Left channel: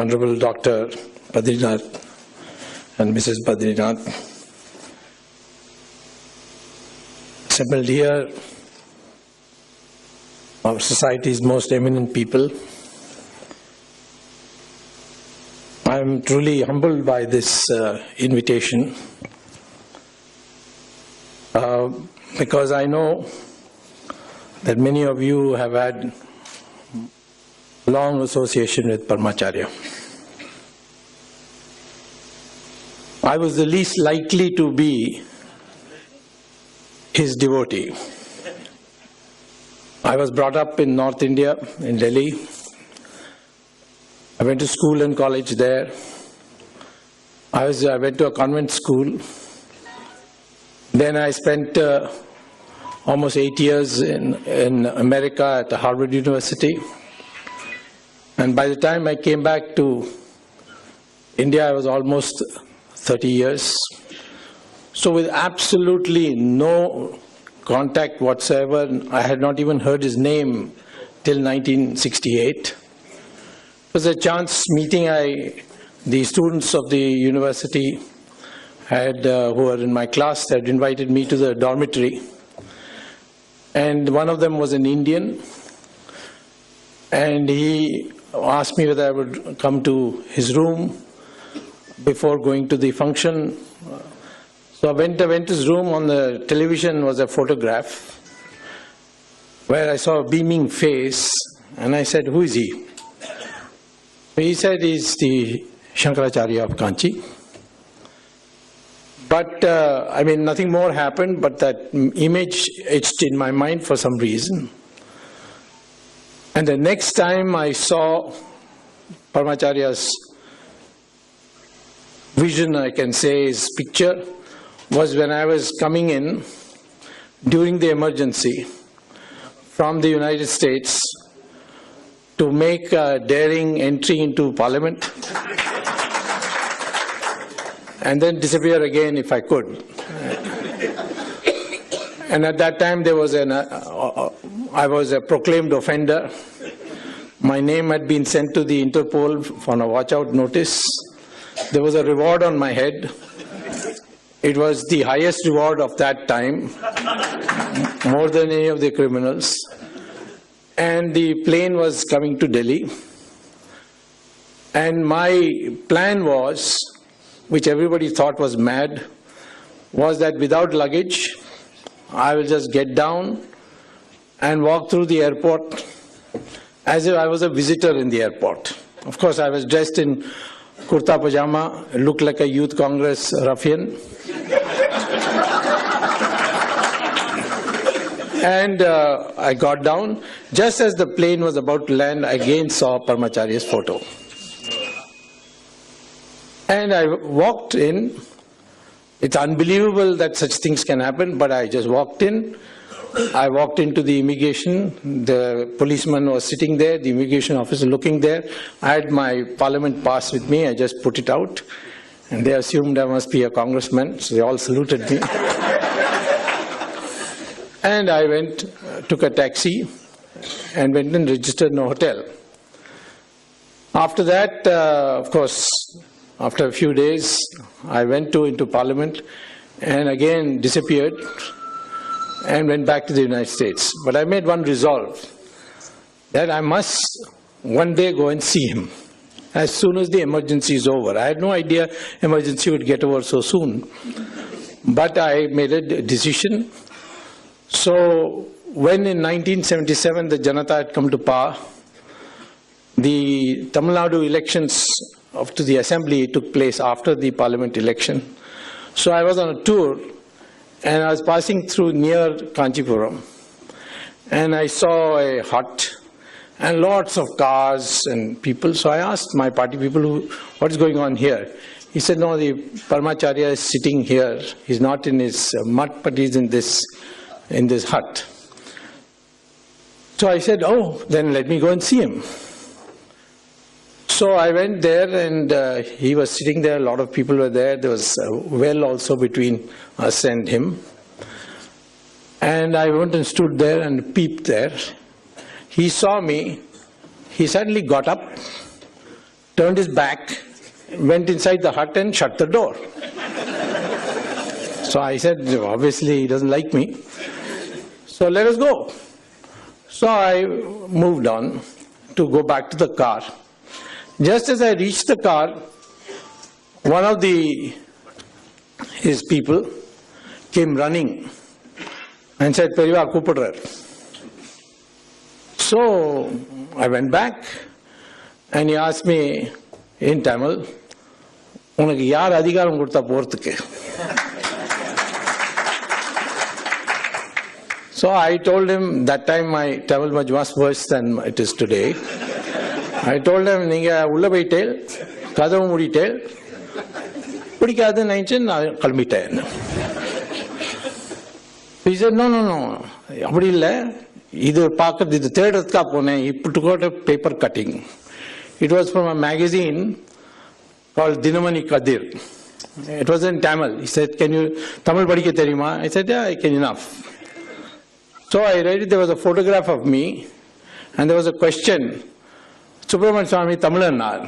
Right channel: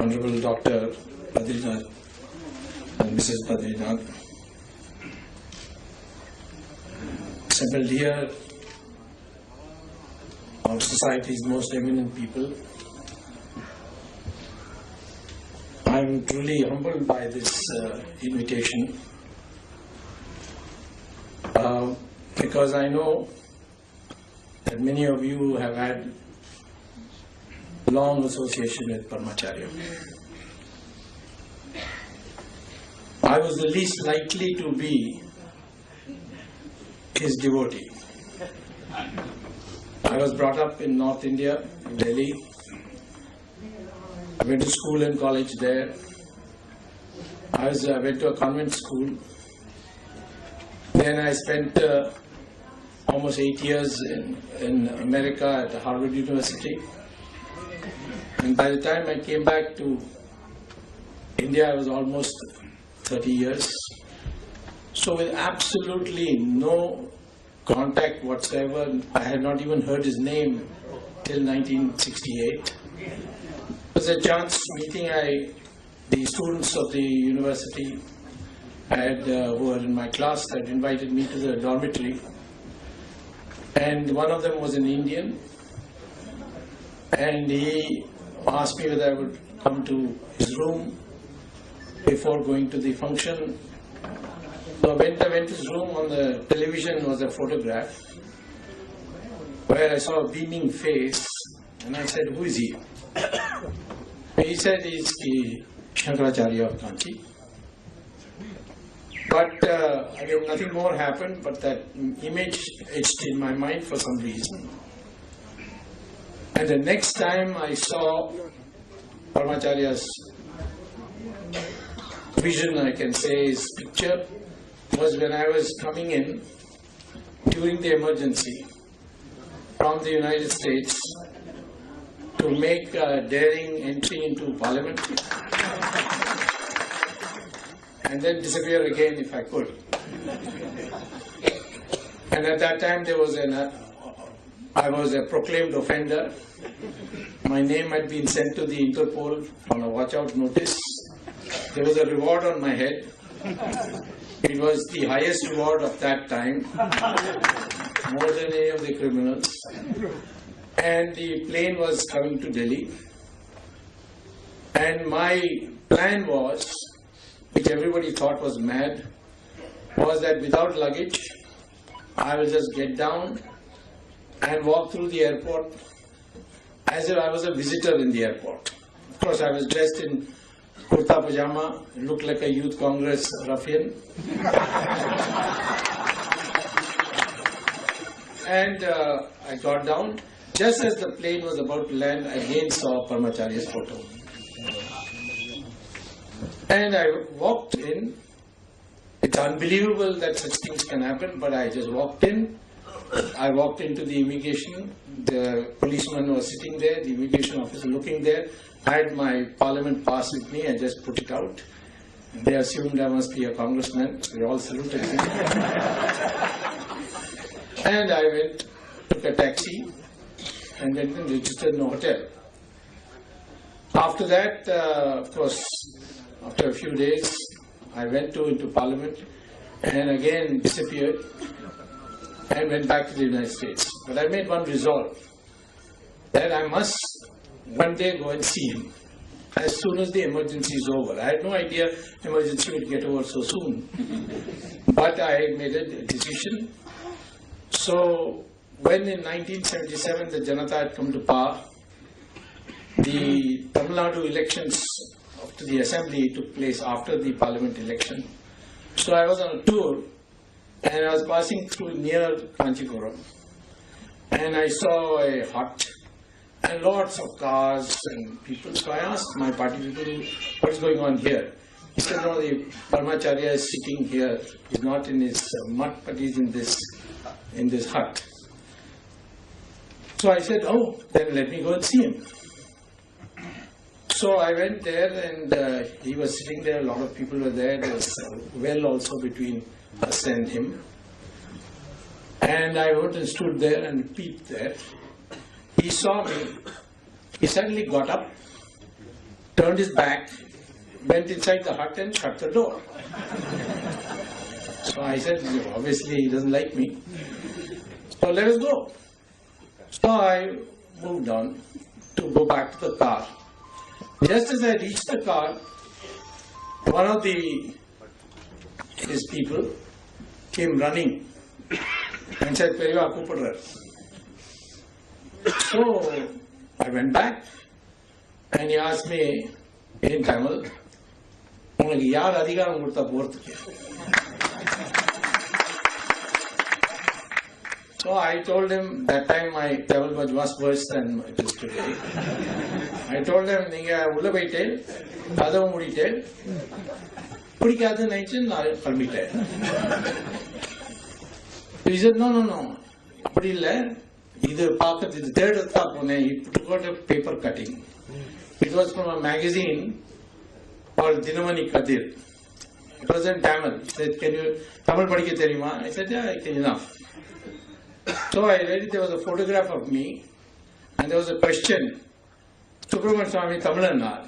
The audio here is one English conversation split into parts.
Honorable Dr. Badrinath and Mrs. Badrinath, assembled here, our society's most eminent people. I am truly humbled by this invitation because I know that many of you have had long association with Paramacharya. I was the least likely to be his devotee. I was brought up in North India, in Delhi. I went to school and college there. I went to a convent school. Then I spent almost 8 years in America at Harvard University. And by the time I came back to India, I was almost 30 years. So with absolutely no contact whatsoever, I had not even heard his name till 1968. It was a chance meeting. The students of the university who were in my class had invited me to the dormitory. And one of them was an Indian. And he asked me whether I would come to his room before going to the function. So I went to his room. On the television was a photograph where I saw a beaming face, and I said, "Who is he?" He said, "He's the Shankaracharya of Kanchi." But I mean, nothing more happened, but that image etched in my mind for some reason. And the next time I saw Paramacharya's vision, I can say, his picture, was when I was coming in during the emergency from the United States to make a daring entry into Parliament and then disappear again if I could. And at that time there was I was a proclaimed offender. My name had been sent to the Interpol on a watch-out notice. There was a reward on my head. It was the highest reward of that time, more than any of the criminals. And the plane was coming to Delhi. And my plan was, which everybody thought was mad, was that without luggage, I will just get down and walk through the airport as if I was a visitor in the airport. Of course, I was dressed in kurta pajama, looked like a youth congress ruffian. And I got down. Just as the plane was about to land, I again saw Paramacharya's photo. And I walked in. It's unbelievable that such things can happen, but I just walked in. I walked into the immigration. The policeman was sitting there, the immigration officer looking there. I had my parliament pass with me. I just put it out. And they assumed I must be a congressman, so they all saluted me. And I took a taxi and went and registered in a hotel. After that, of course, after a few days, I went into Parliament and again disappeared and went back to the United States. But I made one resolve, that I must one day go and see him as soon as the emergency is over. I had no idea emergency would get over so soon. But I made a decision. So when in 1977 the Janata had come to power, the Tamil Nadu elections to the assembly took place after the parliament election. So I was on a tour and I was passing through near Kanchipuram and I saw a hut and lots of cars and people. So I asked my party people, what is going on here? He said, no, the Paramacharya is sitting here. He's not in his mud, but he's in this hut. So I said, oh, then let me go and see him. So I went there and he was sitting there, a lot of people were there. There was a well also between us and him. And I went and stood there and peeped there. He saw me. He suddenly got up turned his back, went inside the hut and shut the door. So I said, obviously he doesn't like me. So let us go. So I moved on to go back to the car. Just as I reached the car, one of his people came running and said, Periyava Kupadrar. So I went back and he asked me in Tamil, உனக்கு யார் அதிகாரம் கொடுத்தா போறதுக்கு? So I told him, that time my Tamil was much worse than it is today. I told him, நீங்க உள்ள போயிட்டு கதவு மூடிட்டு பிடிக்காதுன்னு நினைச்சு நான் கிளம்பிட்டேன். He said, no, அப்படி இல்லை, இது பார்க்கறது, இது தேடுறதுக்காக போனேன். He took a paper cutting. It was from a magazine called Dinamani Kadir. It was in Tamil. He said, can you Tamil படிக்க தெரியுமா? I said, yeah, I can enough. So I read it. There was a photograph of me and there was a question, Subramanian Swamy Tamilanar.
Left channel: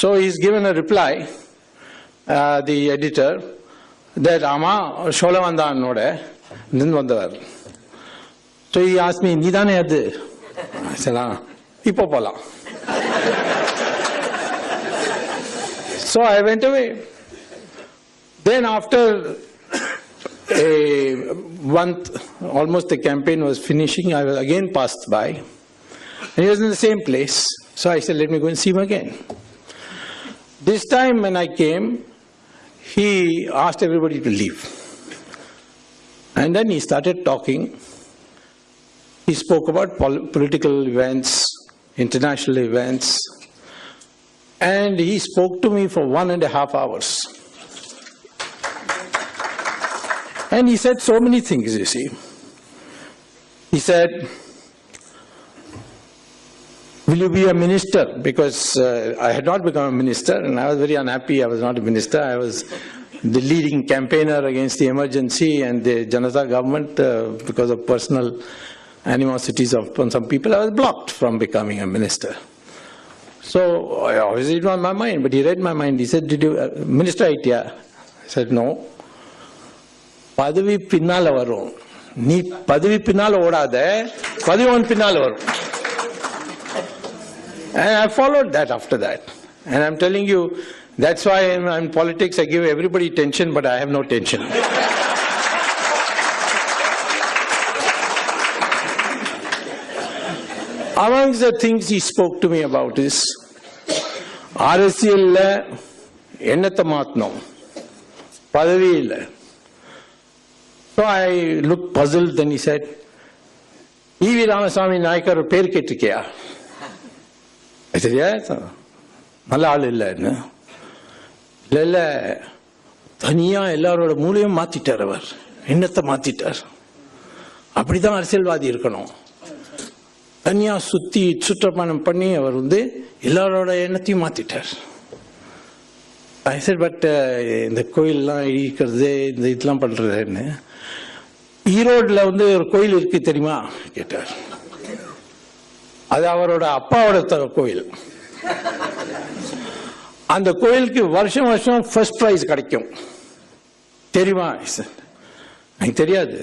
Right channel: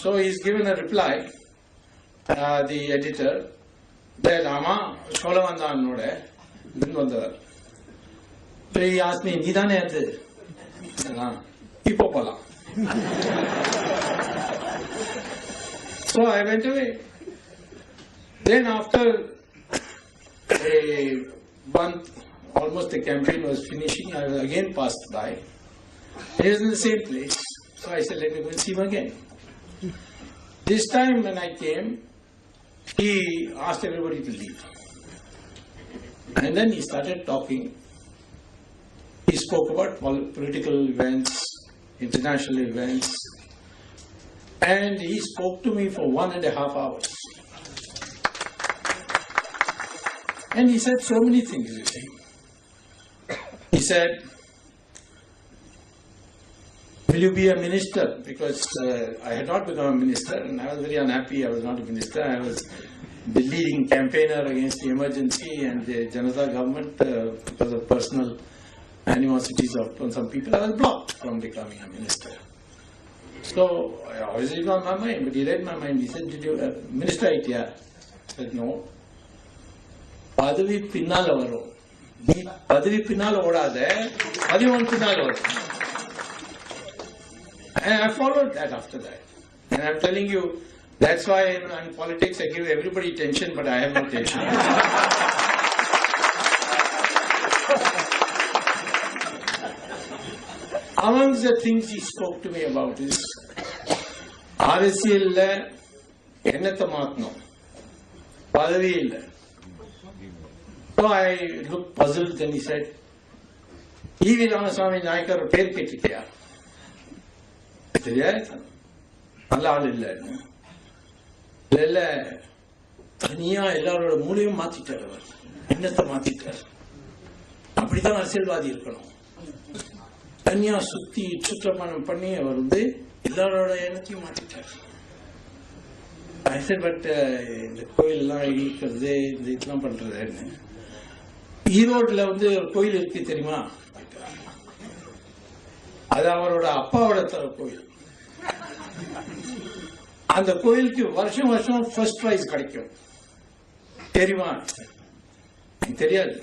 So he's given a reply, the editor, that Ama Sholavanda Node, Nindwandar. So he asked me, Nidane Adu? I said, Ipopola. So I went away. Then after a month, almost the campaign was finishing, I was again passed by. And he was in the same place. So I said, let me go and see him again. This time when I came, he asked everybody to leave. And then he started talking. He spoke about political events, international events. And he spoke to me for 1.5 hours. And he said so many things, you see. He said, will you be a minister? Because I had not become a minister and I was very unhappy I was not a minister. I was the leading campaigner against the emergency and the Janata government because of personal animosities of some people. I was blocked from becoming a minister. So obviously it was on my mind, but he read my mind. He said, did you, minister idea? I said, no. பதவி பின்னால வரும், நீ பதவி பின்னால ஓடாத, பதவி பின்னால வரும். And I followed that after that. And I'm telling you, that's why in politics I give everybody tension, but I have no tension. Amongst the things he spoke to me about is, அரசியல்ல எண்ணத்தை மாத்தணும், பதவி இல்லை. So I looked puzzled, then he said, E.V. Ramaswamy Naik ஒரு பேர் கேட்டிருக்கியா? I said, yes. நல்ல ஆள் இல்லைன்னு. இல்லை, தனியா எல்லாரோட மூலையும் மாத்திட்டார் அவர், எண்ணத்தை மாத்திட்டார். அப்படிதான் அரசியல்வாதி இருக்கணும். தனியா சுற்றப்பணம் பண்ணி அவர் எல்லாரோட எண்ணத்தையும் மாத்திட்டார். I said, but இந்த கோயிலெல்லாம் இடிக்கிறது, இந்த இதெல்லாம் பண்றதுன்னு, ஈரோடுல ஒரு கோயில் இருக்கு தெரியுமா கேட்டார். அது அவரோட அப்பாவோட கோயில். அந்த கோயிலுக்கு வருஷம் வருஷம் ஃபர்ஸ்ட் பிரைஸ் கிடைக்கும் தெரியுமா? எனக்கு தெரியாது.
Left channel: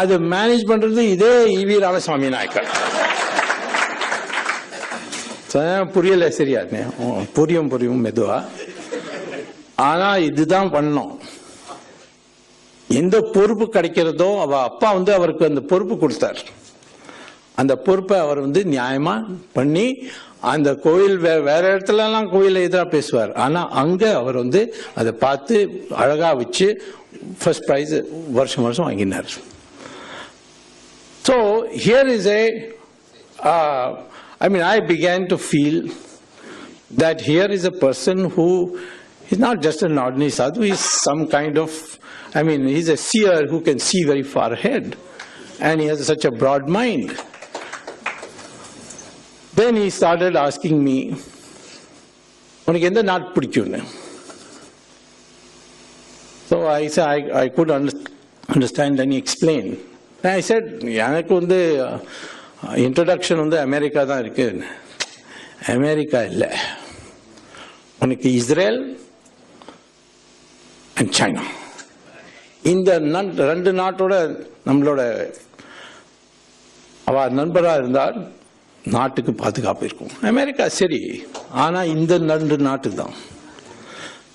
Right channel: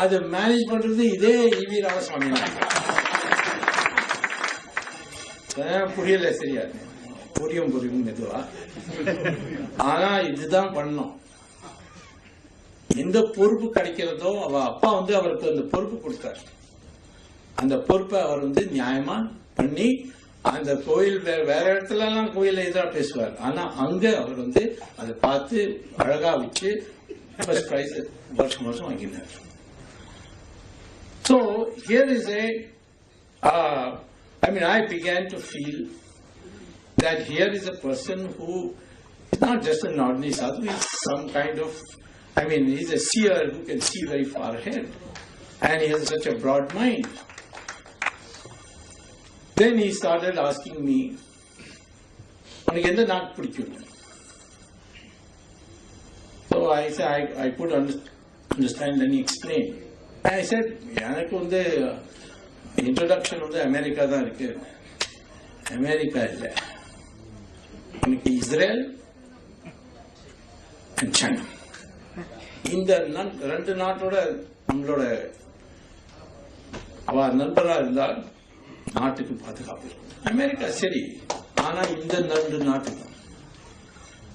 அதை மேனேஜ் பண்றது இதே E.V. ராமசாமி நாயக்கர். புரியல சரியா? புரியும் மெதுவா. ஆனா இதுதான் பண்ணோம். எந்த பொறுப்பு கிடைக்கிறதோ அவ அப்பா அவருக்கு அந்த பொறுப்பு கொடுத்தார். அந்த பொறுப்பை அவர் நியாயமா பண்ணி அந்த கோயில் வேற இடத்துல எல்லாம் கோயில எதிரா பேசுவார். ஆனா அங்க அவர் அதை பார்த்து அழகா வச்சு ஃபர்ஸ்ட் பிரைஸ் வருஷம் வருஷம் வாங்கினார். So here is I began to feel that here is a person who is not just an ordinary sadhu, he is some kind of, he's a seer who can see very far ahead. And he has such a broad mind. Then he started asking me, உனக்கு எந்த நாட்டு பிடிக்கும்னு. So I said, I could understand, then he explained. And I said, எனக்கு introduction America தான் இருக்கு. America இல்லை. உனக்கு Israel and China. இந்த ரெண்டு நாட்டோட நம்மளோட அவ நண்பரா இருந்தால் நாட்டுக்கு பாதுகாப்பு இருக்கும். அமெரிக்கா சரி, ஆனா இந்த ரெண்டு நாட்டு தான்.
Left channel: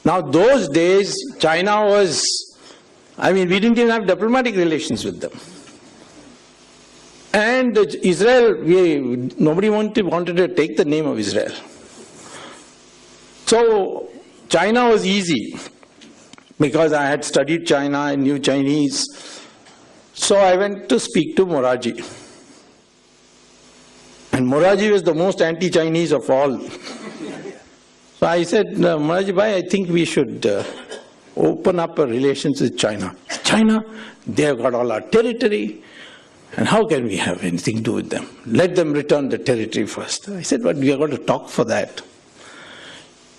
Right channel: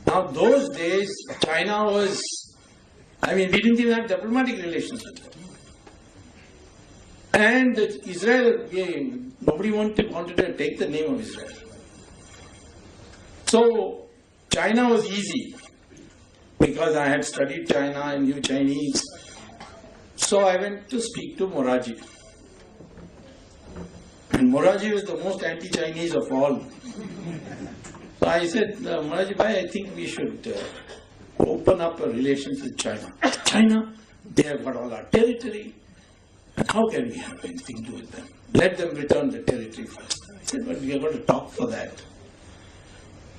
Now those days China was, we didn't even have diplomatic relations with them. And Israel, nobody wanted to take the name of Israel. So China was easy because I had studied China, I knew Chinese. So I went to speak to Morarji. And Morarji was the most anti-Chinese of all. So I said, Morarji bhai, I think we should open up our relations with China. China, they have got all our territory. And how can we have anything to do with them? Let them return the territory first. I said, but we have got to talk for that.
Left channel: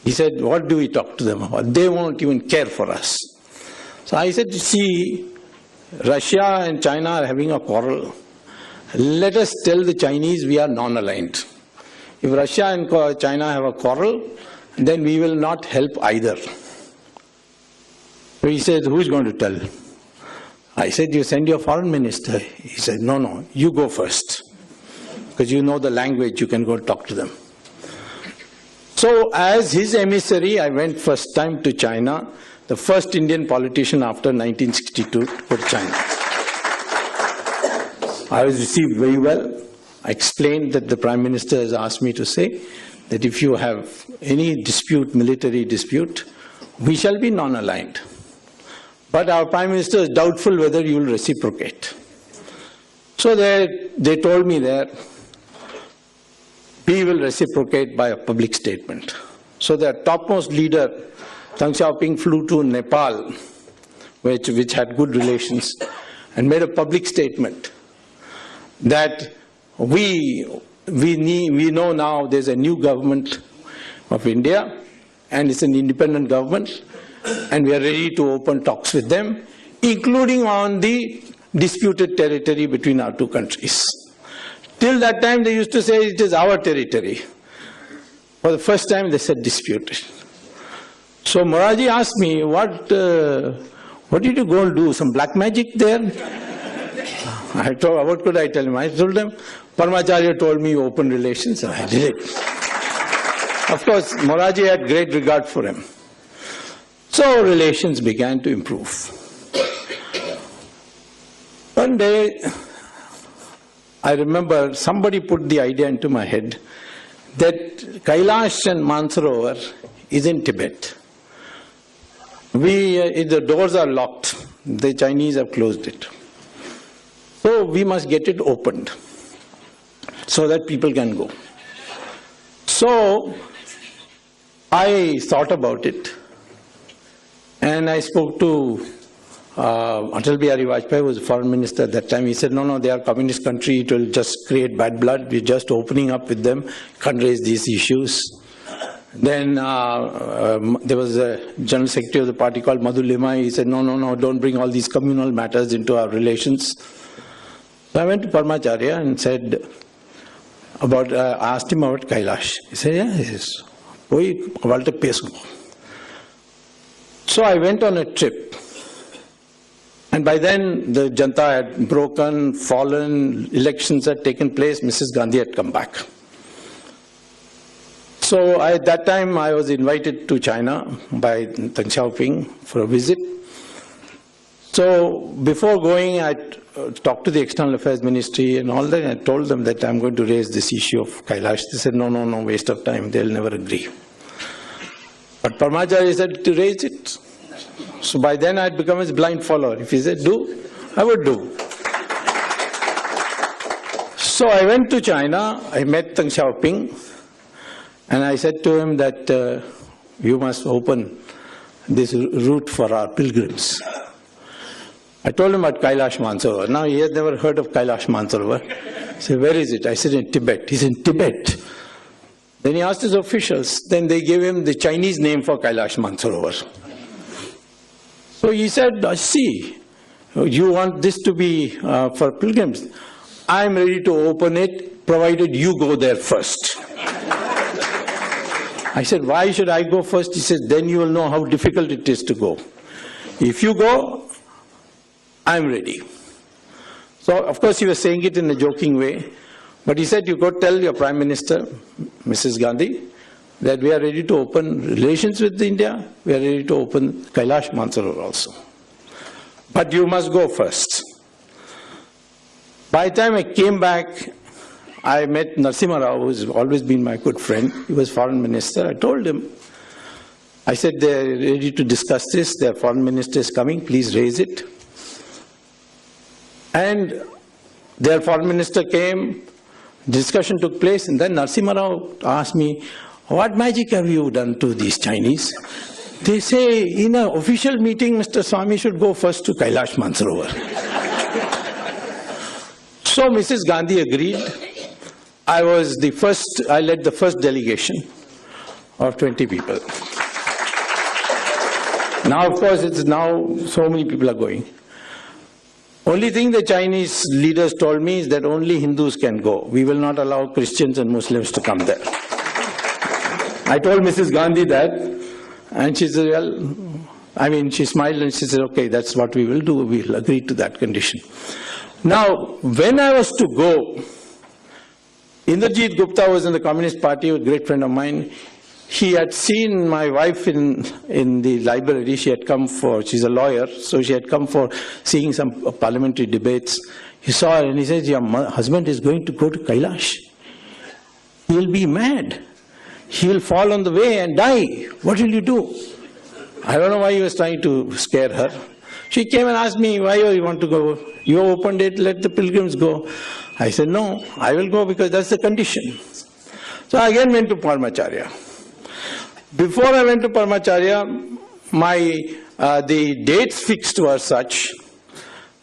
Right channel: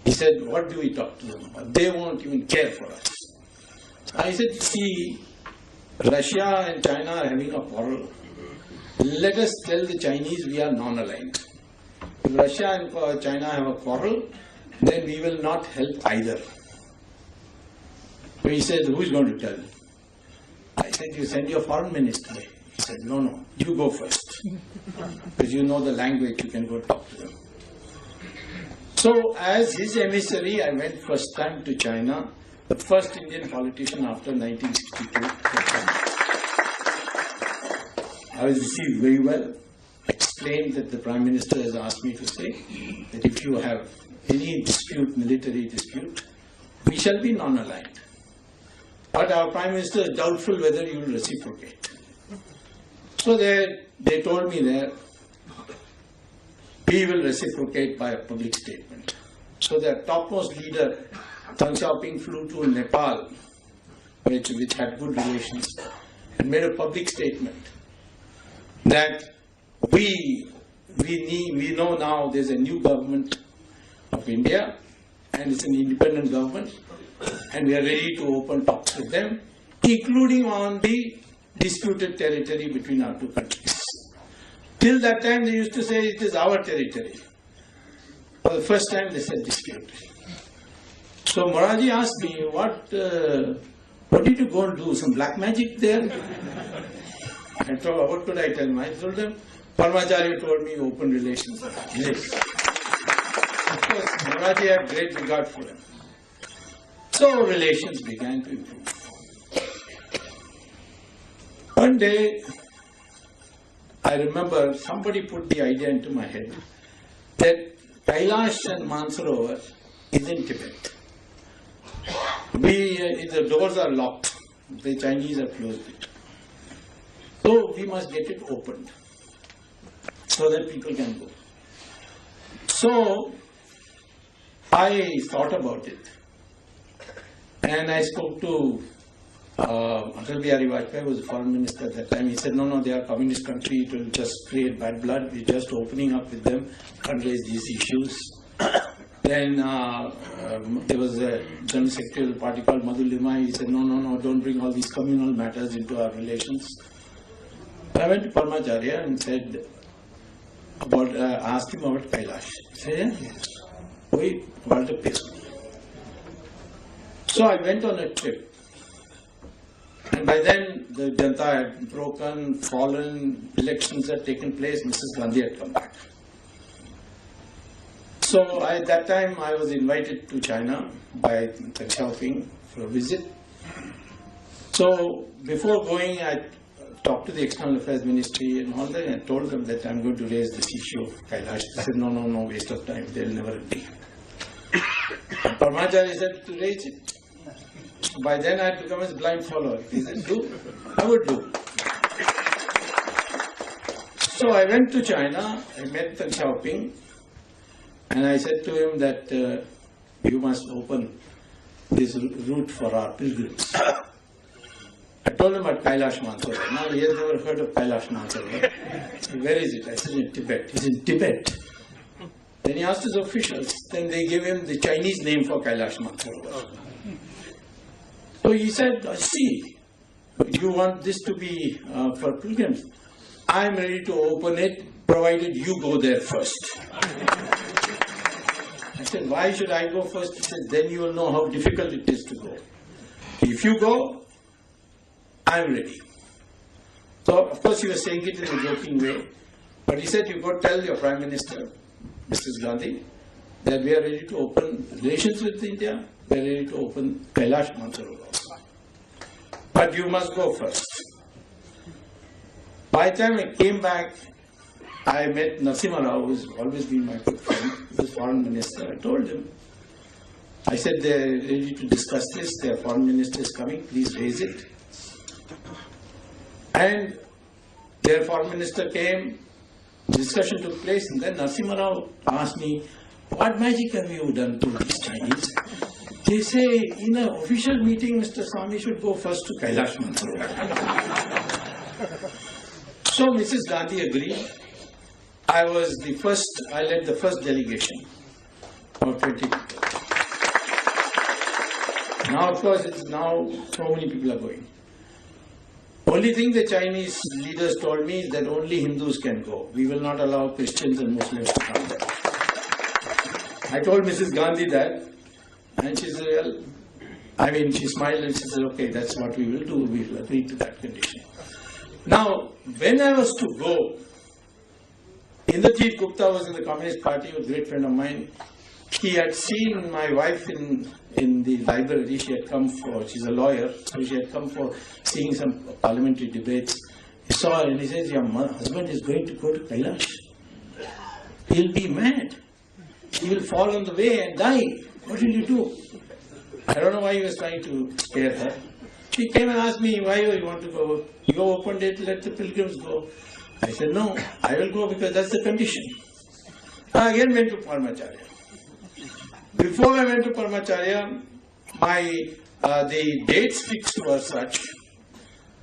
He said, what do we talk to them about? They won't even care for us. So I said, see, Russia and China are having a quarrel. Let us tell the Chinese we are non-aligned. If Russia and China have a quarrel, then we will not help either. So he said, who is going to tell? I said, you send your foreign minister. He said, no, you go first. Because you know the language, you can go talk to them. So as his emissary, I went first time to China, the first Indian politician after 1962 to China. I was received very well. I explained that the Prime Minister has asked me to say that if you have any dispute, military dispute, we shall be non-aligned. But our Prime Minister is doubtful whether you will reciprocate. So they told me there, we will reciprocate by a public statement. So their topmost leader, Deng Xiaoping, flew to Nepal, which had good relations, and made a public statement that we know now there's a new government of India, and it's an independent government, and we are ready to open talks with them, including on the disputed territory between our two countries. Till that time they used to say it is our territory. For the first time they said disputed. So Morarji asked me, what did you go and do? Some black magic there? I told, what could I tell him? I told them, Paramacharya told me open relations, and I did it. Of course, Morarji had great regard for him. So relations began to improve. One day, I remember somebody put the idea into my head that Kailash and Mansarovar is in Tibet. The doors are locked. The Chinese have closed it. So we must get it opened so that people can go. So I thought about it, and I spoke to Atal Bihari Vajpayee, was the foreign minister at that time. He said, no, they are communist country, it will just create bad blood, we're just opening up with them, can't raise these issues. Then there was a general secretary of the party called Madhu Limai. He said, no, don't bring all these communal matters into our relations. So I went to Paramacharya and said, asked him about Kailash. He said, yes. So I went on a trip. And by then the Janta had broken, fallen, elections had taken place, Mrs. Gandhi had come back. So at that time I was invited to China by Deng Xiaoping for a visit. So before going, I talked to the External Affairs Ministry and all that, and I told them that I'm going to raise this issue of Kailash. They said, no, waste of time, they'll never agree. But Paramacharya said to raise it. So by then I had become his blind follower. If he said do, I would do. So I went to China, I met Deng Xiaoping, and I said to him that you must open this route for our pilgrims. I told him about Kailash Mansarovar. Now he had never heard of Kailash Mansarovar. He said, where is it? I said, in Tibet. He said, in Tibet. Then he asked his officials. Then they gave him the Chinese name for Kailash Mansarovar. So he said, see, you want this to be for pilgrims. I'm ready to open it, provided you go there first. I said, why should I go first? He said, then you will know how difficult it is to go. If you go, I'm ready. So, of course, he was saying it in a joking way. But he said, you go tell your Prime Minister, Mrs. Gandhi, that we are ready to open relations with India. We are ready to open Kailash Mansarovar also. But you must go first. By the time I came back, I met Narasimha Rao, who has always been my good friend. He was foreign minister. I told him, I said, they are ready to discuss this. Their foreign minister is coming. Please raise it. And their foreign minister came, discussion took place, and then Narasimha Rao asked me, what magic have you done to these Chinese? They say, in an official meeting, Mr. Swamy should go first to Kailash Mansarovar. So Mrs. Gandhi agreed. I led the first delegation of 20 people. Now, of course, so many people are going. Only thing the Chinese leaders told me is that only Hindus can go. We will not allow Christians and Muslims to come there. I told Mrs. Gandhi that, and she said, well, she smiled and she said, okay, that's what we will do. We will agree to that condition. Now, when I was to go, Indrajit Gupta was in the Communist Party, a great friend of mine. He had seen my wife in the library. She had come she's a lawyer, so she had come for seeing some parliamentary debates. He saw her and he says, your husband is going to go to Kailash. He'll be mad. He will fall on the way and die. What will you do? I don't know why he was trying to scare her. She came and asked me, why you want to go? You opened it, let the pilgrims go. I said, no, I will go because that's the condition. So I again went to Paramacharya. Before I went to Paramacharya, the dates fixed were such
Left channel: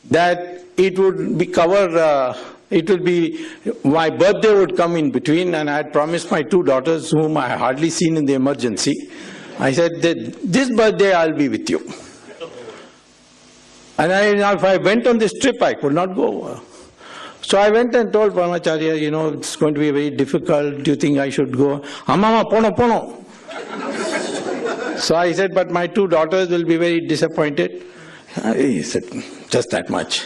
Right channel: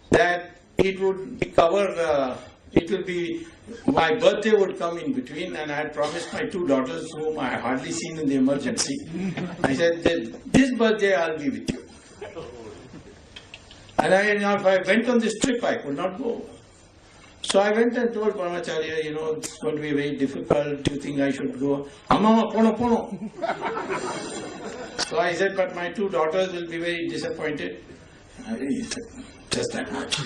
that it would be my birthday would come in between, and I had promised my two daughters, whom I had hardly seen in the emergency, I said that this birthday I'll be with you. And if I went on this trip, I could not go. So I went and told Paramacharya, it's going to be very difficult. Do you think I should go? Amma, pono. So I said, but my two daughters will be very disappointed. He said, just that much.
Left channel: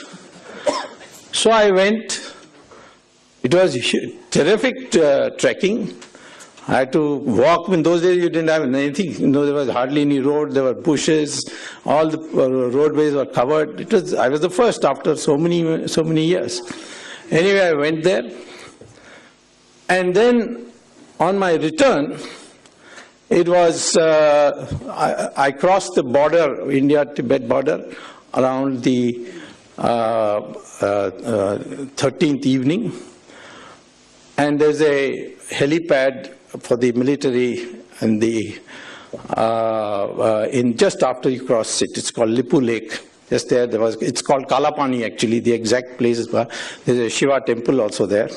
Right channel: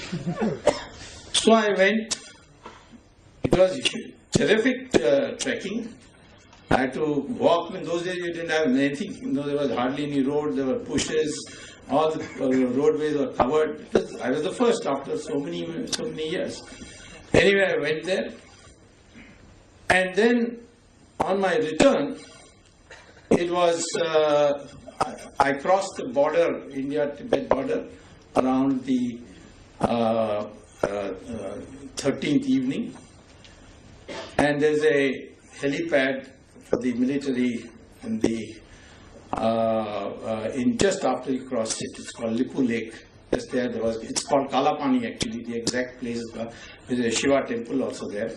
So I went. It was terrific trekking. I had to walk. In those days, you didn't have anything. There was hardly any road. There were bushes. All the roadways were covered. I was the first after so many years. Anyway, I went there. And then on my return, it was, I crossed the border, India-Tibet border, around the 13th evening. And there's a helipad for the military and just after you cross it. It's called Lipu Lake. Just there, it's called Kalapani actually, the exact place is where there's a Shiva temple also there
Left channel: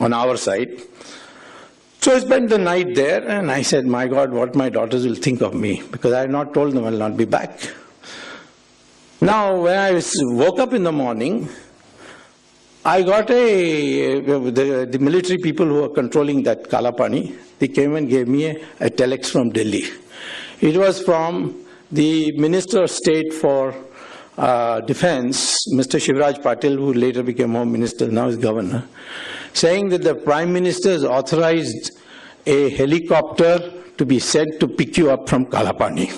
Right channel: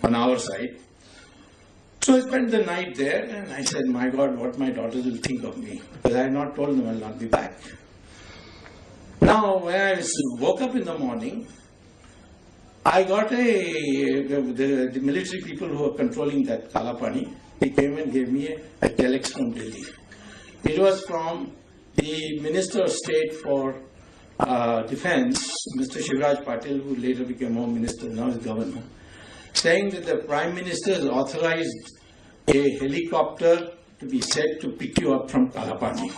on our side. So I spent the night there and I said, my God, what my daughters will think of me, because I had not told them I'll not be back. Now, when I woke up in the morning, I got the military people who were controlling that Kalapani, they came and gave me a telex from Delhi. It was from the Minister of State for Defense, Mr. Shivraj Patil, who later became Home Minister, now is Governor, saying that the Prime Minister has authorized a helicopter to be sent to pick you up from Kalapani.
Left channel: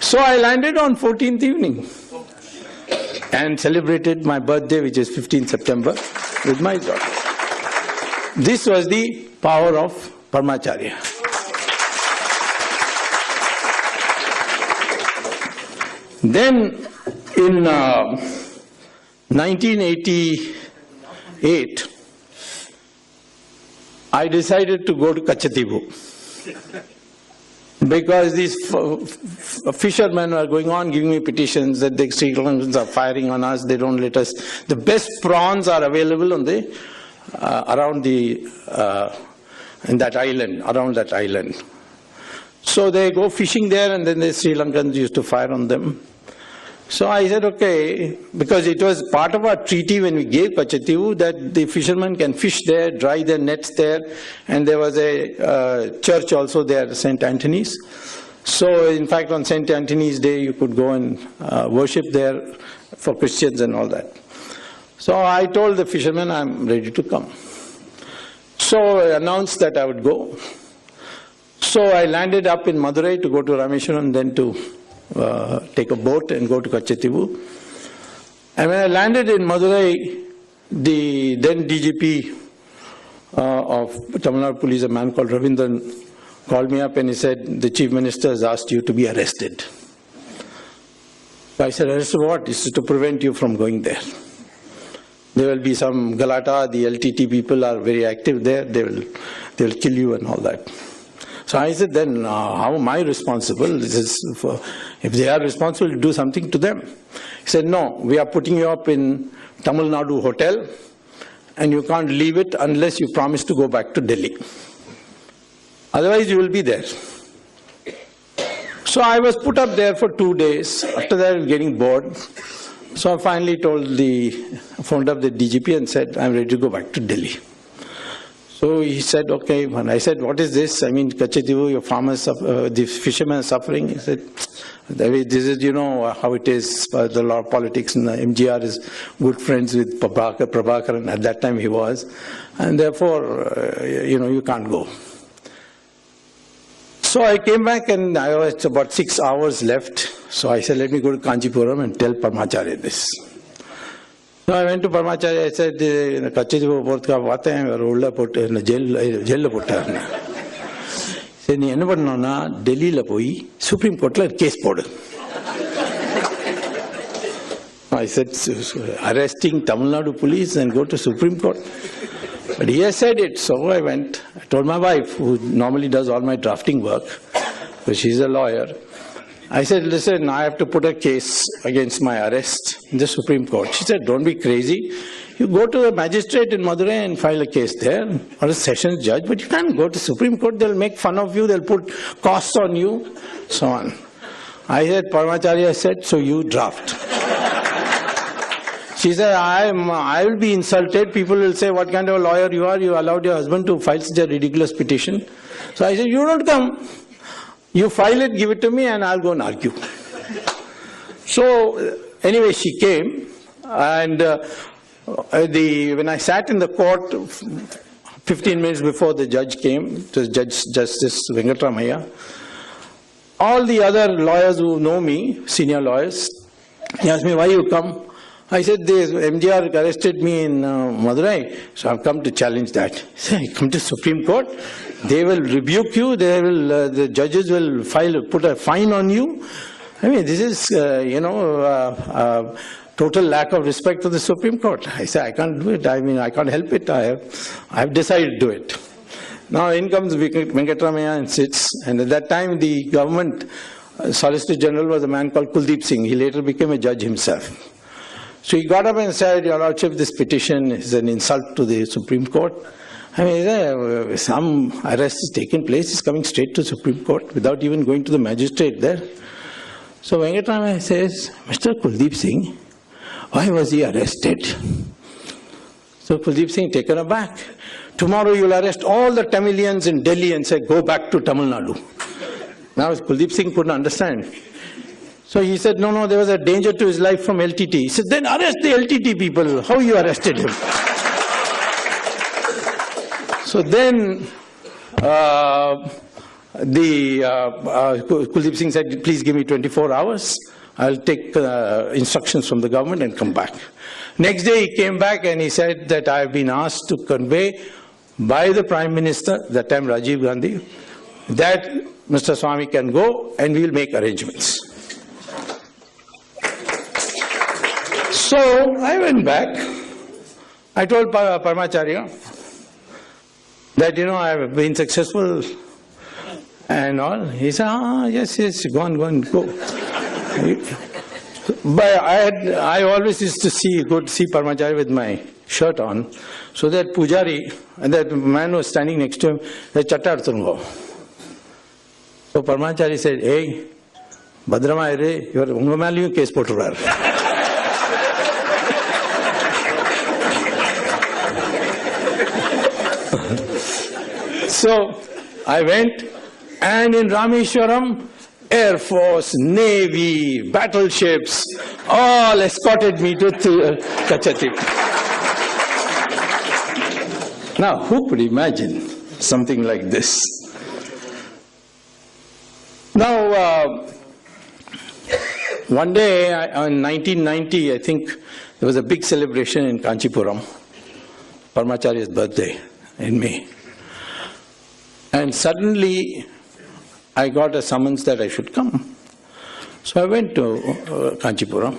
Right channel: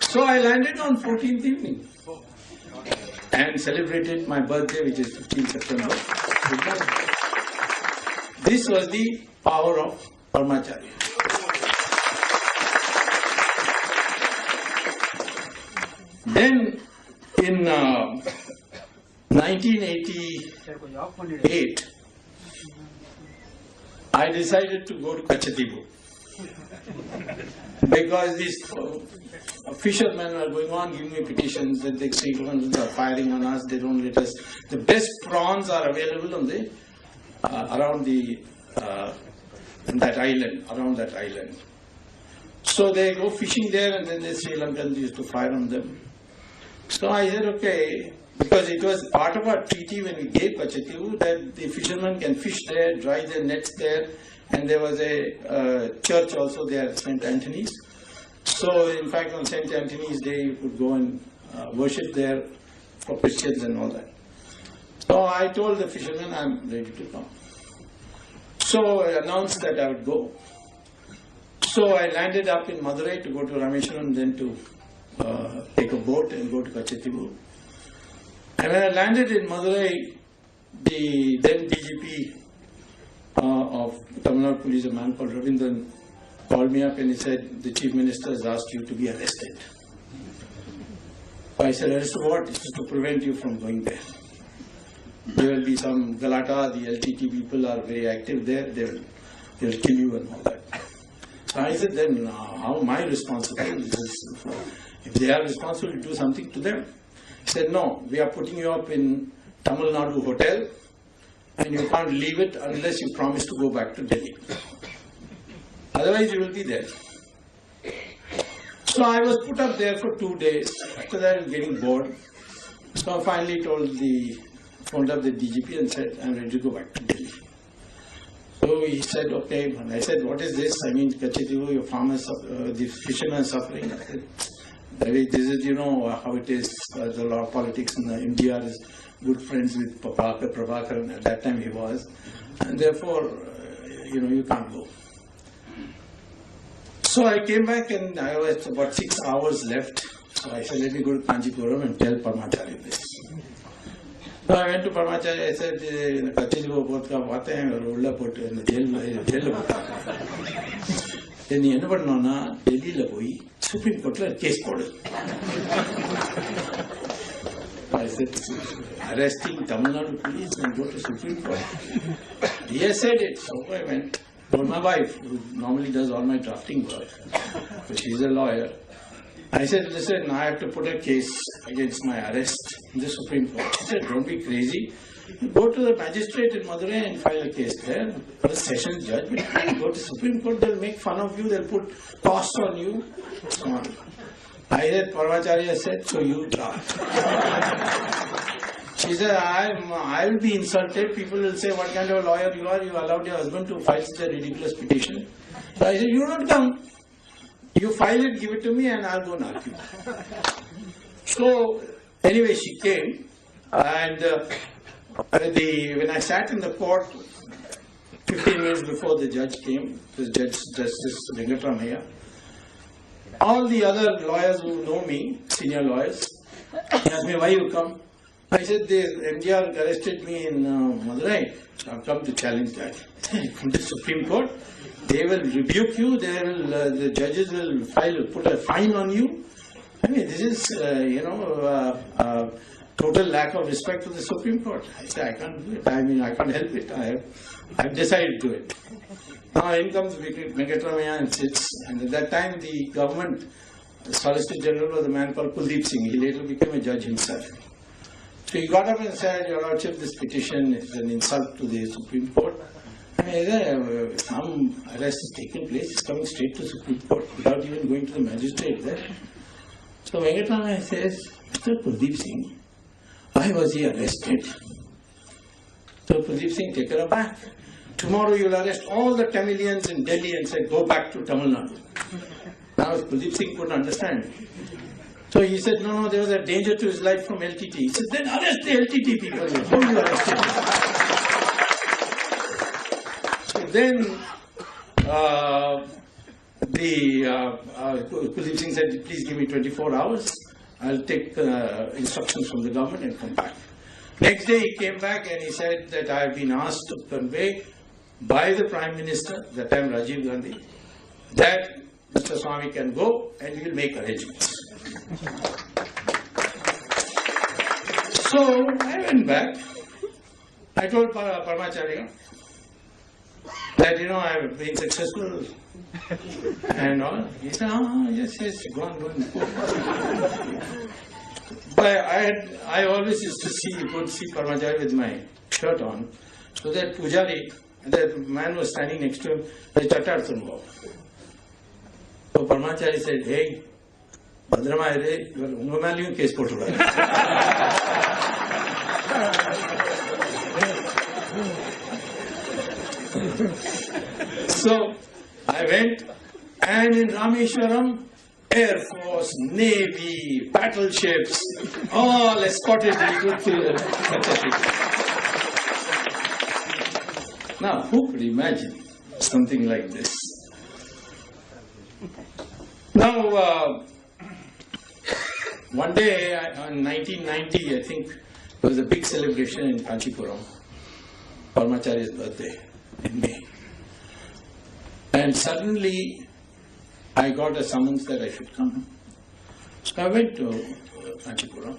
So I landed on 14th evening and celebrated my birthday, which is 15th September, with my daughter. This was the power of Paramacharya. Then in 1988, I decided to go to Kachatibu because these fishermen were going on giving me petitions that the Sri Lankans are firing on us, they don't let us. The best prawns are available on the around that island. So they go fishing there, and then the Sri Lankans used to fire on them. So I said, okay, because it was part of our treaty when we gave Kachativu that the fishermen can fish there, dry their nets there, and there was a church also there, St. Anthony's. So in fact on St. Anthony's Day you could go and worship there for Christians and all that. So I told the fishermen I'm ready to come. So I announced that I would go. So I landed up in Madurai to go to Rameshwaram, then to take a boat and go to Kachativu. And when I landed in Madurai, the then DGP of Tamil Nadu Police, a man called Ravindran, called me up and he said, the Chief Minister has asked you to be arrested. So I said, arrested what? This is to prevent you from going there. There will be some Galata, the LTT people are very active there, they will kill you and all that. So I said, then how am I responsible? This is if they are responsible, do something to them. He said, no, we are putting you up in Tamil Nadu hotel and you can't leave it unless you promise to go back to Delhi. Otherwise you will be there. So I was put up there for 2 days. After that I was getting bored. So I finally phoned up the DGP and said, I'm ready to go back to Delhi. So he said, okay. And I said, what is this? I mean, Kachativu, your farmers, the fishermen are suffering. He said, this is, you know, how it is, the law of politics, and MGR is good friends with Prabhakar, and at that time he was. And therefore, you know, you can't go. So I came back and I was about 6 hours left. So I said, let me go to Kanchipuram and tell Paramacharya this. So I went to Paramacharya, I said, Kachativu Portka Vata, Rolla put in the jail putta. Then he never known Delhi la poi, Supreme Court la case board. I said, arresting Tamil Nadu police and go to Supreme Court. But he has said it, so I went. I told my wife, who normally does all my drafting work, because she's a lawyer. I said, listen, I have to put a case against my arrest in the Supreme Court. She said, don't be crazy. You go to a magistrate in Madurai and file a case there, or a sessions judge, but you can't go to Supreme Court. They'll make fun of you, they'll put costs on you, so on. I said, Paramacharya said, so you draft. She said, I will be insulted. People will say, what kind of a lawyer you are? You allowed your husband to file such a ridiculous petition. So I said, you don't come. You file it, give it to me, and I'll go and argue. So anyway, she came, and when I sat in the court 15 minutes before the judge came, it was Justice Venkatramayya, all the other lawyers who know me, senior lawyers, he asked me, why you come? I said, MGR arrested me in Madurai, so I've come to challenge that. He said, you come to Supreme Court? They will rebuke you, the judges will put a fine on you. I mean, this is, total lack of respect for the Supreme Court. I said, I can't do it. I mean, I can't help it. I've decided to do it. Now in comes Venkatramayya and sits, and at that time the government Solicitor General was a man called Kuldeep Singh. He later became a judge himself. So he got up and said, Your Lordship, this petition is an insult to the Supreme Court. I mean, some arrest is taking place, is coming straight to Supreme Court without even going to the magistrate there. So Venkatramayya says, Mr. Kuldeep Singh, why was he arrested? So Kuldeep Singh taken aback. Tomorrow you'll arrest all the Tamilians in Delhi and say, go back to Tamil Nadu. Now Kuldeep Singh couldn't understand. So he said, no, there was a danger to his life from LTT. He said, then arrest the LTT people. How you arrested him? So then Kuldeep Singh said, please give me 24 hours. I'll take instructions from the government and come back. Next day he came back and he said that I have been asked to convey by the Prime Minister, that time Rajiv Gandhi, that Mr. Swamy can go and we will make arrangements. So I went back. I told Paramacharya that, I have been successful and all. He said, yes, go on. But I always used to see Paramacharya with my shirt on, so that Pujari, and that man was standing next to him, said, Chattar Tungo. So Paramacharya said, hey, Bhadramayare, you are Ungamaliyu case poturar. So I went, and in Rameshwaram, Air Force, Navy, battleships, all escorted me to Kachati. Now, who could imagine something like this? Now, one day, in 1990, I think, there was a big celebration in Kanchipuram, Paramacharya's birthday in May. And suddenly, I got a summons that I should come. So I went to Kanchipuram.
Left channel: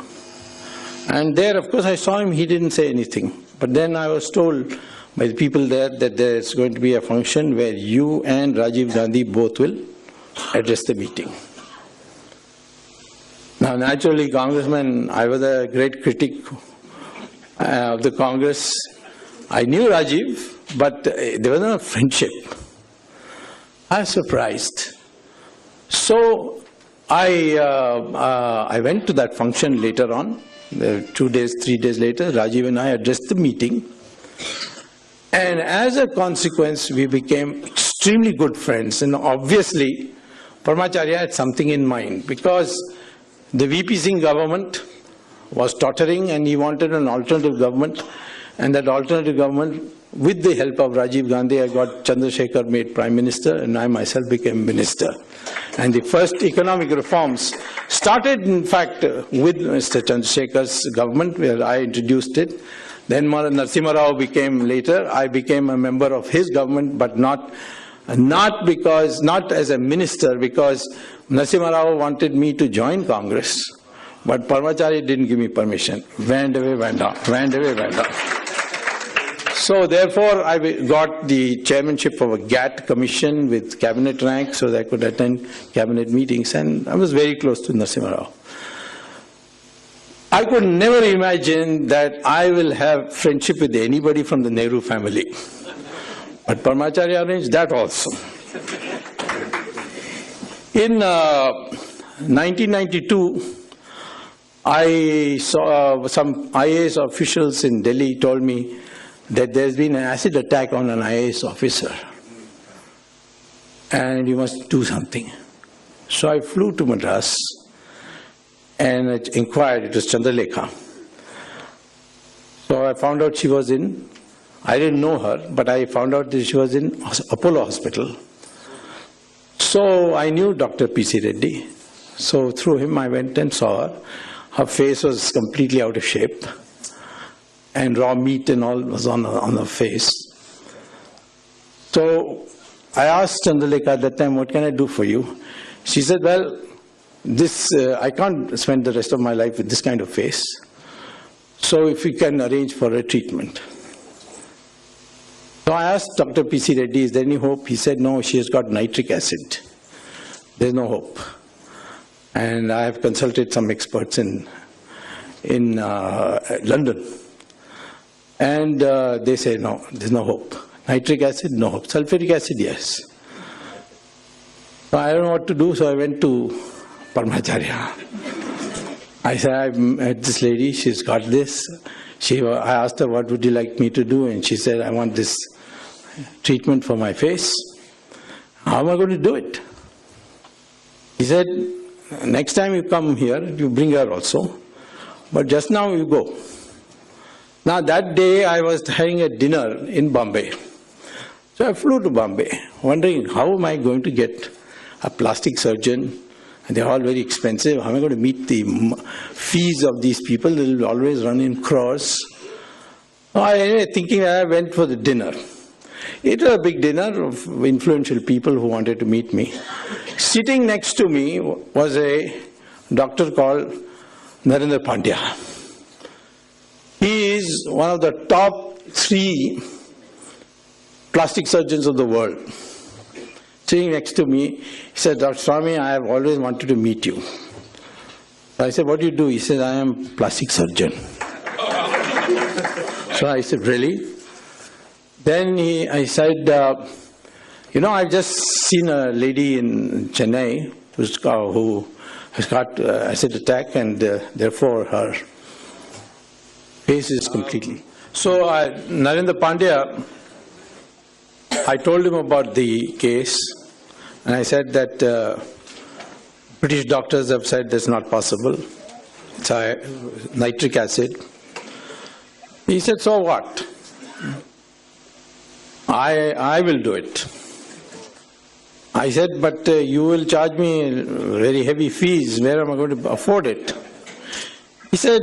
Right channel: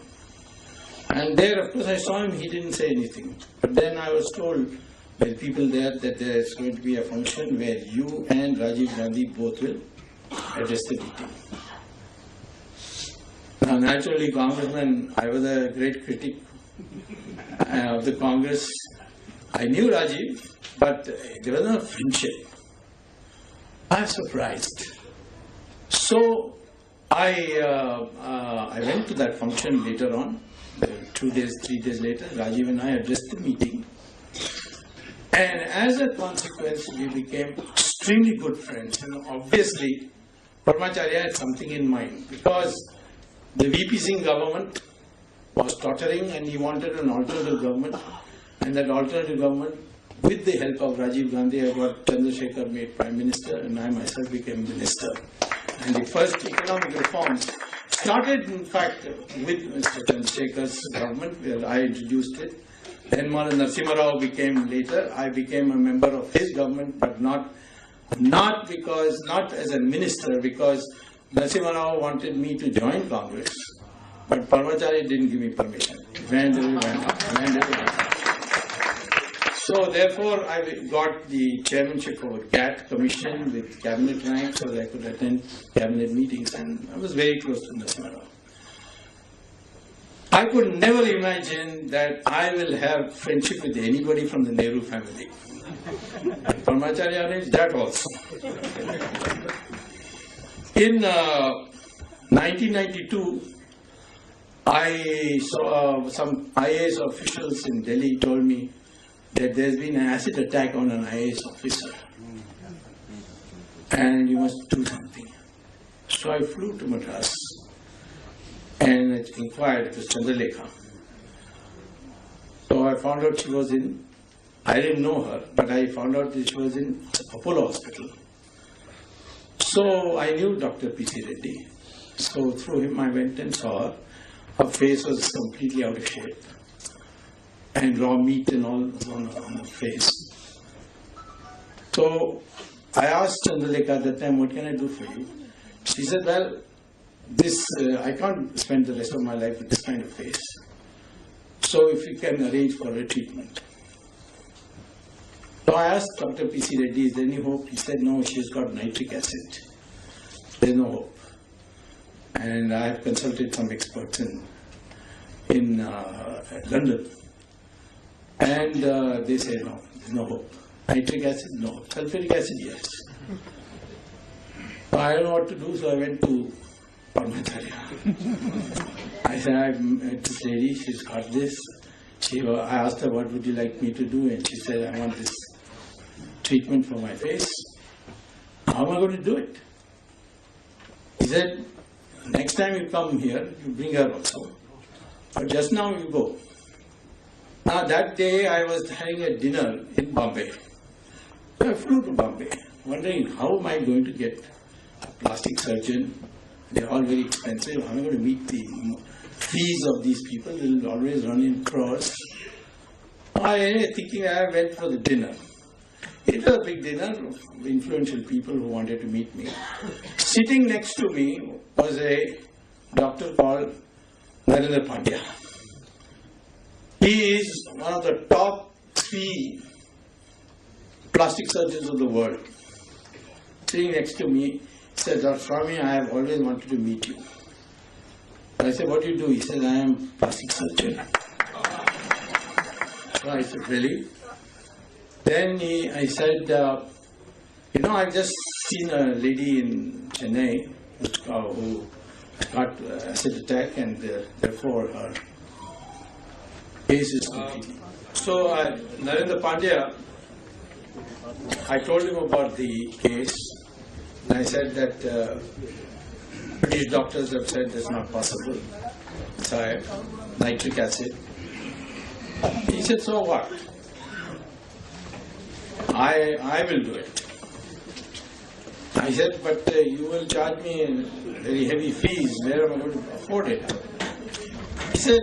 And there, of course, I saw him, he didn't say anything. But then I was told by the people there that there's going to be a function where you and Rajiv Gandhi both will address the meeting. Now, naturally, Congressman, I was a great critic of the Congress. I knew Rajiv, but there was no friendship. I was surprised. So I went to that function later on. 2 days, 3 days later, Rajiv and I addressed the meeting. And as a consequence, we became extremely good friends. And obviously, Paramacharya had something in mind, because the VP Singh government was tottering and he wanted an alternative government. And that alternative government, with the help of Rajiv Gandhi, I got Chandrasekhar made Prime Minister and I myself became Minister. And the first economic reforms started, in fact, with Mr. Chandrasekhar's government, where I introduced it. Then Narasimha Rao became later. I became a member of his government, but not as a minister, because Narasimha Rao wanted me to join Congress, but Paramacharya didn't give me permission. Went away, went up, went away, went up. So therefore, I got the chairmanship of a GATT commission with cabinet rank, so that I could attend cabinet meetings, and I was very close to Narasimha Rao. I could never imagine that I will have friendship with anybody from the Nehru family. But Paramacharya arranged that also. In 1992, I saw some IAS officials in Delhi told me that there's been an acid attack on an IAS officer and you must do something. So I flew to Madras and I inquired. It was Chandralekha. So I found out she was I didn't know her, but I found out that she was in Apollo Hospital. So I knew Dr. P.C. Reddy. So through him I went and saw her. Her face was completely out of shape, and raw meat and all was on her face. So I asked Chandralekha at that time, what can I do for you? She said, well, I can't spend the rest of my life with this kind of face. So if you can arrange for a treatment. So I asked Dr. P.C. Reddy, is there any hope? He said, no, she has got nitric acid. There's no hope. And I have consulted some experts in London. And they say, no, there's no hope. Nitric acid, no hope. Sulfuric acid, yes. So I don't know what to do, so I went to Paramacharya. I said, I've met this lady, she's got this. I asked her, what would you like me to do? And she said, I want this treatment for my face. How am I going to do it? He said, next time you come here, you bring her also. But just now you go. Now that day I was having a dinner in Bombay. So I flew to Bombay, wondering how am I going to get a plastic surgeon. They're all very expensive. How am I going to meet the fees of these people? They will always run in crores. Thinking I went for the dinner. It was a big dinner of influential people who wanted to meet me. Sitting next to me was a doctor called Narendra Pandya. He is one of the top 3 plastic surgeons of the world. Sitting next to me, he said, Dr. Swamy, I have always wanted to meet you. I said, what do you do? He said, I am a plastic surgeon. So I said, really? Then I said, I've just seen a lady in Chennai who has got acid attack, and therefore her face is completely. So Narendra Pandya, I told him about the case, and I said that British doctors have said that's not possible. It's nitric acid. He said, so what? I will do it. I said, but you will charge me very heavy fees. Where am I going to afford it? He said,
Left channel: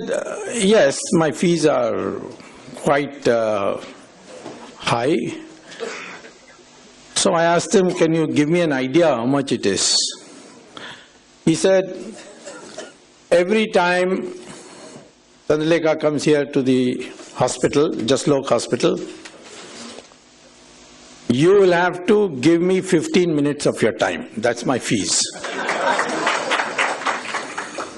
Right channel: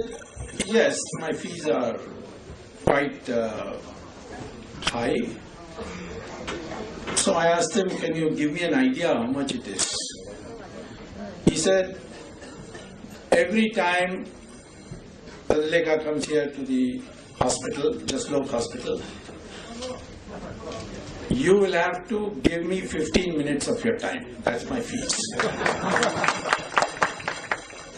yes, my fees are quite high. So I asked him, can you give me an idea how much it is? He said, every time Tandaleka comes here to the hospital, Jaslok hospital, you will have to give me 15 minutes of your time. That's my fees.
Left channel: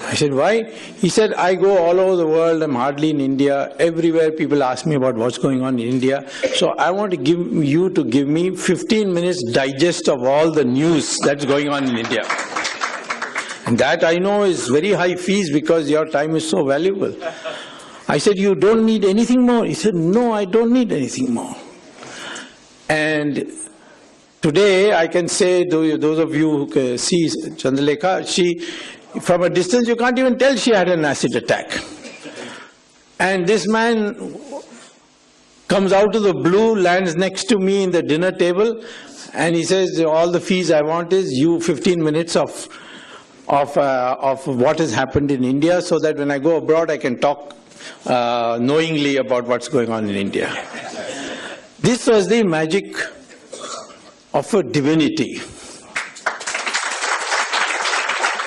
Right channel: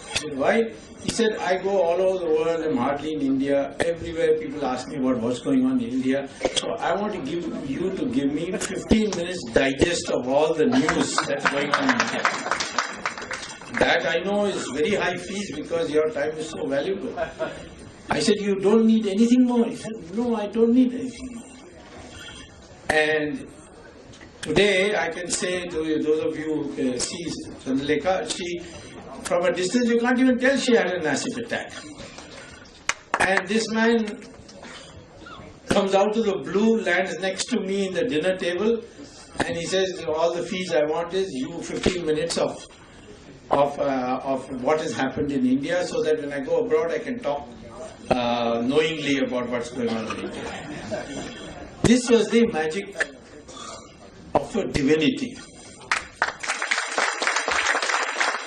I said, why? He said, I go all over the world. I'm hardly in India. Everywhere people ask me about what's going on in India. So I want to give you to give me 15 minutes digest of all the news that's going on in India. And that I know is very high fees because your time is so valuable. I said, you don't need anything more? He said, no, I don't need anything more. And today I can say, those of you who see Chandalekha, she, from a distance you can't even tell she had an acid attack. And this man comes out of the blue, lands next to me in the dinner table, and he says, all the fees I want is you 15 minutes of what has happened in India, so that when I go abroad I can talk knowingly about what's going on in India. This was the magic of a divinity.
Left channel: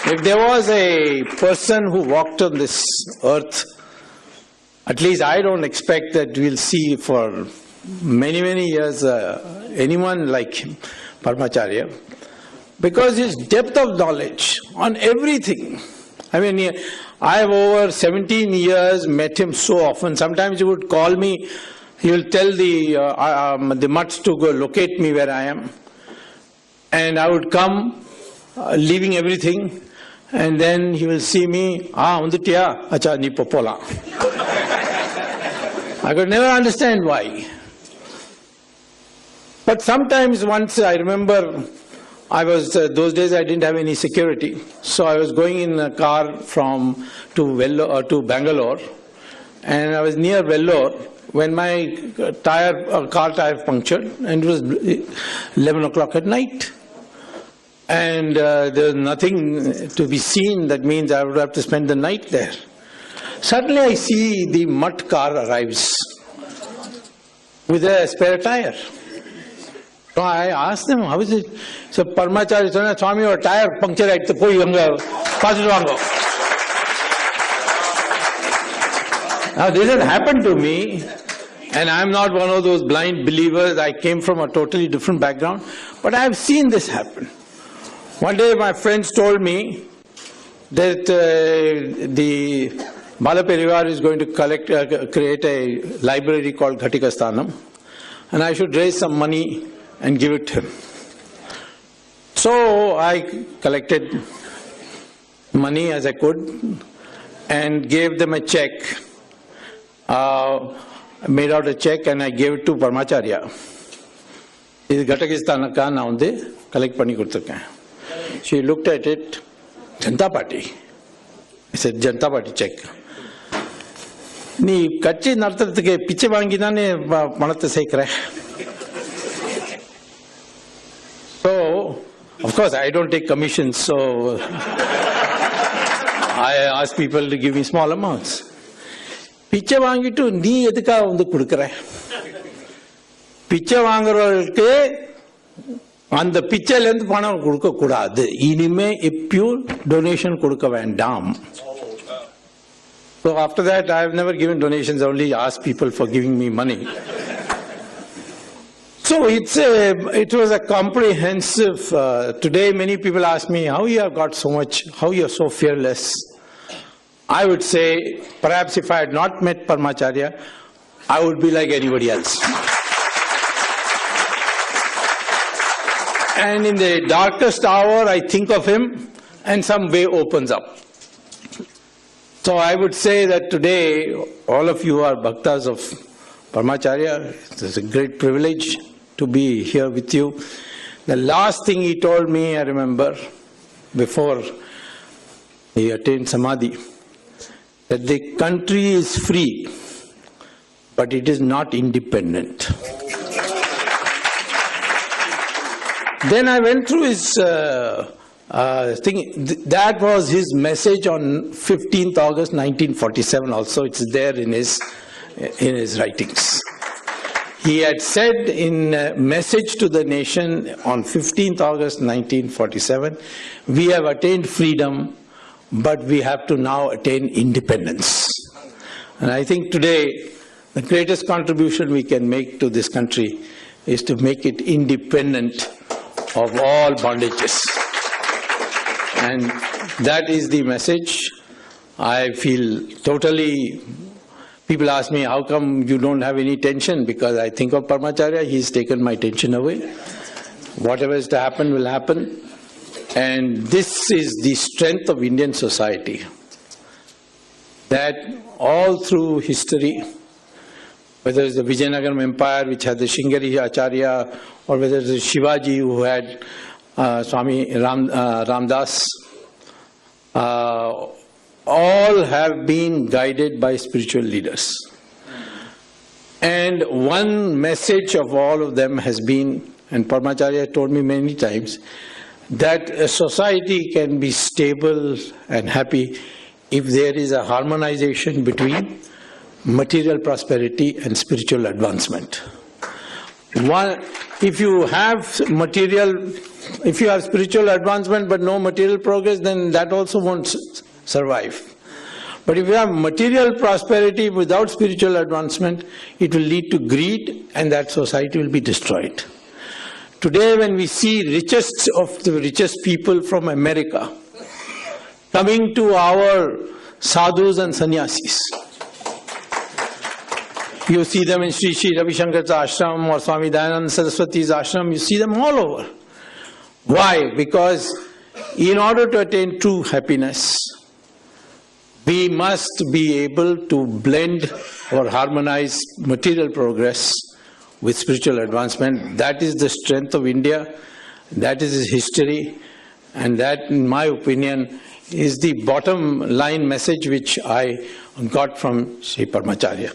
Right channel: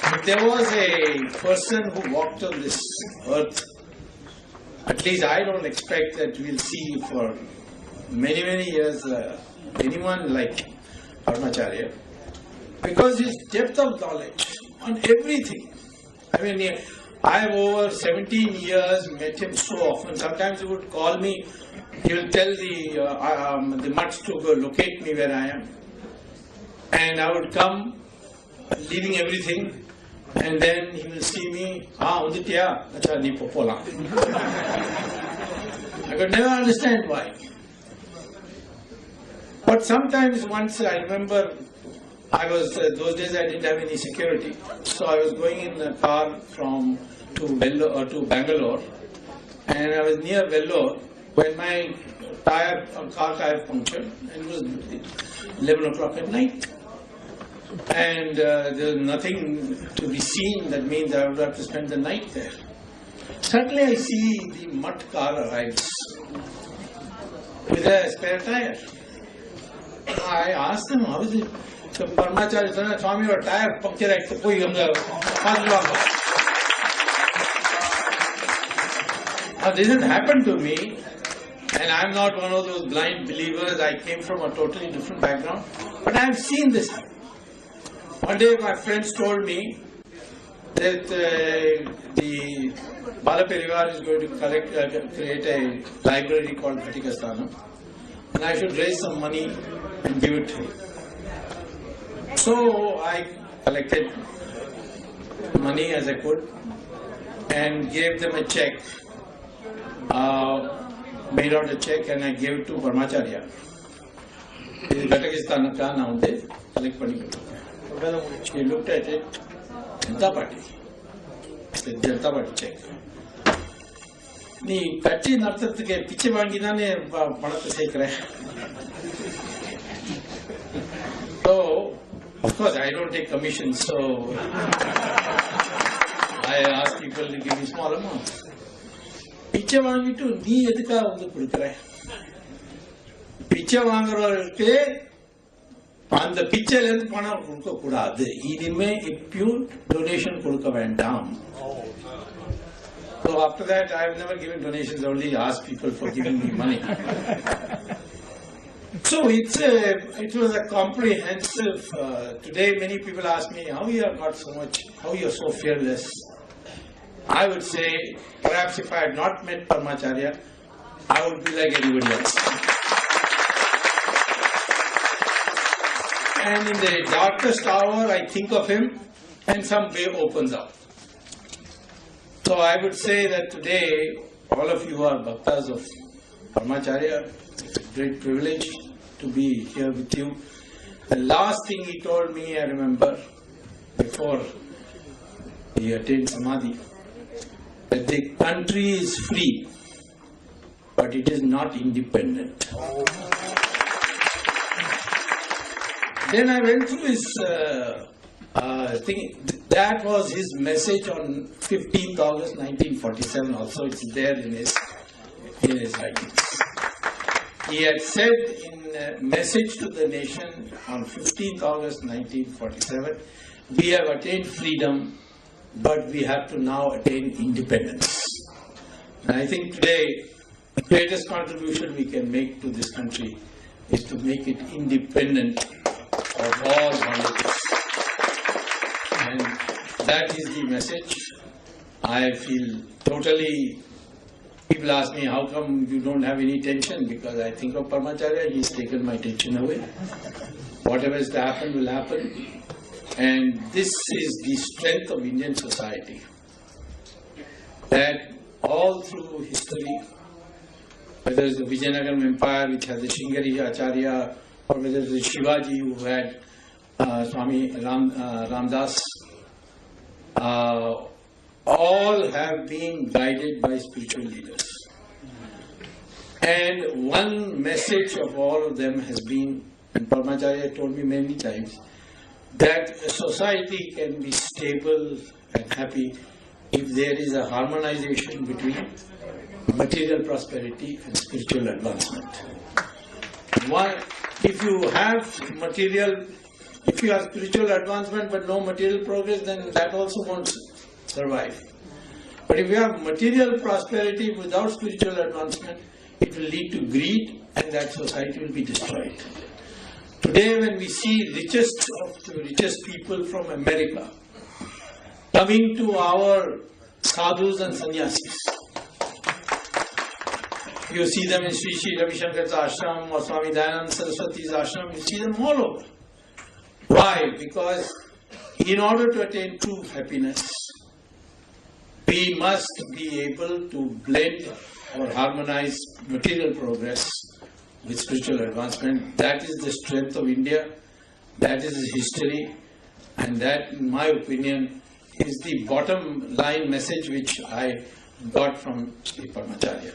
If there was a person who walked on this earth, at least I don't expect that we'll see for many, many years anyone like him, Paramacharya, because his depth of knowledge on everything. I mean, I have over 17 years met him so often. Sometimes he would call me. He will tell the mutts to go locate me where I am. And I would come, leaving everything, and then he will see me, acha ni popola. I could never understand why. But sometimes once I remember, I was, those days I didn't have any security. So I was going in a car to Bangalore, and I was near Vellore, when my car tire punctured, and it was 11 o'clock at night. And there was nothing to be seen. That means I would have to spend the night there. Suddenly I see the mutt car arrives with a spare tire. So I asked them, how is it? So Paramacharya said, Swami, your tire punctured at the poi hanga. Now this had happened to me. And I'm not one of those blind believers. I came from a totally different background. But I have seen this happen. One day my friends told me that the Maha Periyava is going to create a library called Ghatikasthanam. And I should raise some money and give it to him. So I collected money as I could and gave them a check. Made out a check and I gave it to Paramacharya. This Ghatikasthanam ka na unde collect pani kuduthirken. She looked at it, Janata Party. I said, Janata Party check. Nee kachi narthathukku piche vaangi dane panathai seikra. So, of course, I don't take commissions, so I ask people to give me small amounts. பிச்சை வாங்கிட்டு நீ எதுக்காக வந்து கொடுக்குற? பிச்சை வாங்குறவர்களுக்கு அந்த பிச்சையில இருந்து பணம் கொடுக்க கூடாது. இனிமே பியூர் டொனேஷன் கொடுக்க வேண்டாம். So after that I have never given donations, only asked people for giving me money. So it was a comprehensive. Today many people ask me how you have got so much, how you are so fearless. I would say, perhaps if I had not met Paramacharya, I would be like anybody else. And in the darkest hour, I think of him and some way opens up. So I would say that today, all of you are bhaktas of Paramacharya. It's a great privilege to be here with you. The last thing he told me, I remember, before he attained Samadhi, that the country is free, but it is not independent. Then I went through his thing. That was his message on 15th August 1947 also. It's there in his writings. He had said in a message to the nation on 15th August 1947, we have attained freedom, but we have to now attain independence. And I think today, the greatest contribution we can make to this country is to make it independent of all bondages. And that is the message. I feel totally, people ask me, how come you don't have any tension? Because I think of Paramacharya, he's taken my tension away. Whatever is to happen will happen. And this is the strength of Indian society. That all through history, whether it's the Vijayanagaram Empire, which had the Shingari Acharya, or whether it's Shivaji, who had Swami Ramdas, all have been guided by spiritual leaders. And one message of all of them has been, and Paramacharya told me many times, that a society can be stable and happy if there is a harmonization between material prosperity and spiritual advancement. If you have spiritual advancement but no material progress, then that also won't survive. But if you have material prosperity without spiritual advancement, it will lead to greed, and that society will be destroyed. Today, when we see richest of the richest people from America coming to our sadhus and sannyasis, you see them in Sri Ravi Shankar's ashram or Swami Dayananda Saraswati's ashram, you see them all over. Why? Because in order to attain true happiness, we must be able to blend or harmonize material progress with spiritual advancement. That is the strength of India, that is its history, and that, in my opinion, is the bottom line message which I got from Sri Paramacharya.